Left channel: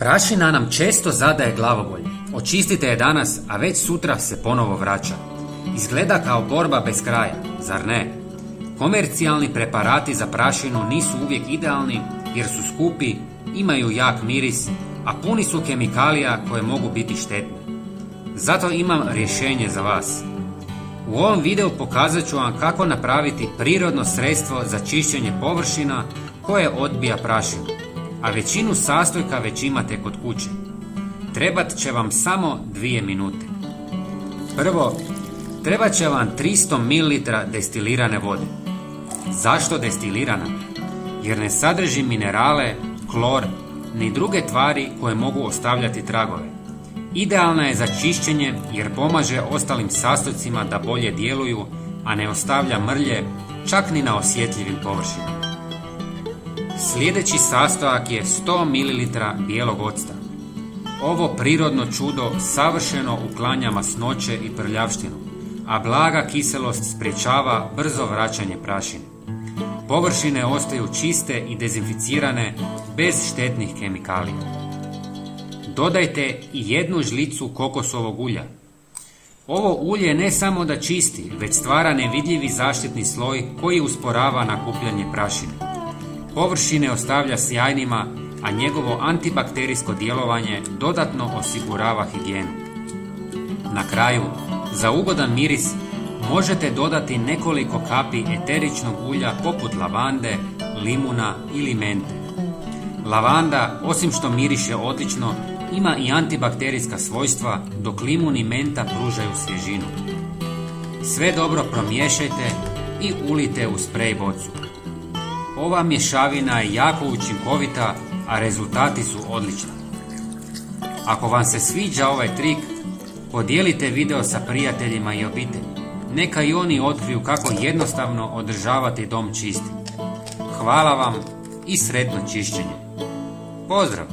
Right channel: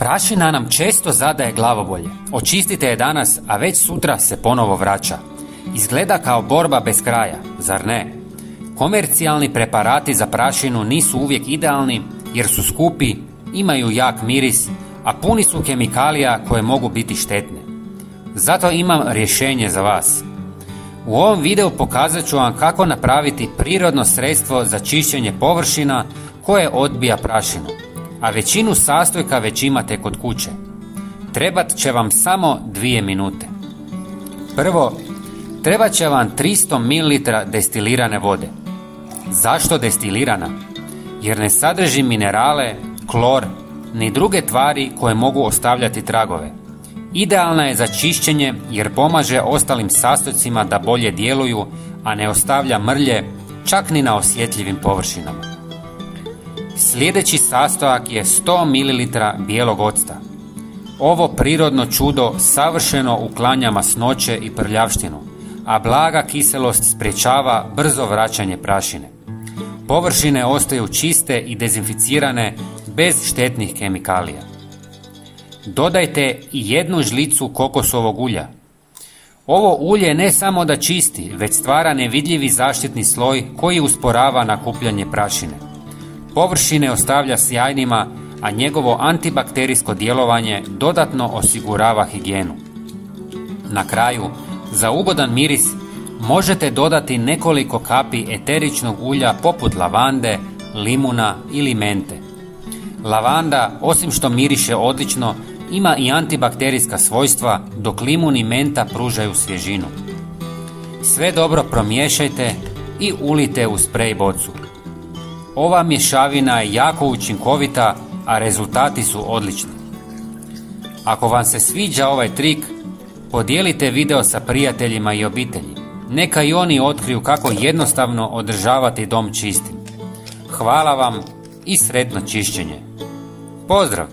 Prašina nam često zadaje glavobolje. Očistite je danas, a već sutra se ponovo vraća. Izgleda kao borba bez kraja, zar ne? Komercijalni preparati za prašinu nisu uvijek idealni jer su skupi, imaju jak miris, a puni su kemikalija koje mogu biti štetne. Zato imam rješenje za vas. U ovom videu pokazat ću vam kako napraviti prirodno sredstvo za čišćenje površina koje odbija prašinu, a većinu sastojka već imate kod kuće. Trebat će vam samo 2 minute. Prvo, trebat će vam 300 ml destilirane vode. Zašto destilirana? Jer ne sadrži minerale, klor, ni druge tvari koje mogu ostavljati tragove. Idealna je za čišćenje jer pomaže ostalim sastojcima da bolje djeluju, a ne ostavlja mrlje čak ni na osjetljivim površinama. Sljedeći sastojak je 100 ml bijelog octa. Ovo prirodno čudo savršeno uklanja masnoće i prljavštinu, a blaga kiselost sprječava brzo vraćanje prašine. Površine ostaju čiste i dezinficirane bez štetnih kemikalija. Dodajte i 1 žlicu kokosovog ulja. Ovo ulje ne samo da čisti, već stvara nevidljivi zaštitni sloj koji usporava nakupljanje prašine. Površine ostavlja sjajnima, a njegovo antibakterijsko djelovanje dodatno osigurava higijenu. Na kraju, za ugodan miris možete dodati nekoliko kapi eteričnog ulja poput lavande, limuna ili mente. Lavanda, osim što miriše odlično, ima i antibakterijska svojstva, dok limun i menta pružaju svježinu. Sve dobro promiješajte i ulite u sprej bocu. Ova mješavina je jako učinkovita, a rezultati su odlični. Ako vam se sviđa ovaj trik, podijelite video sa prijateljima i obitelji. Neka i oni otkriju kako jednostavno održavati dom čistim. Hvala vam i sretno čišćenje. Pozdrav!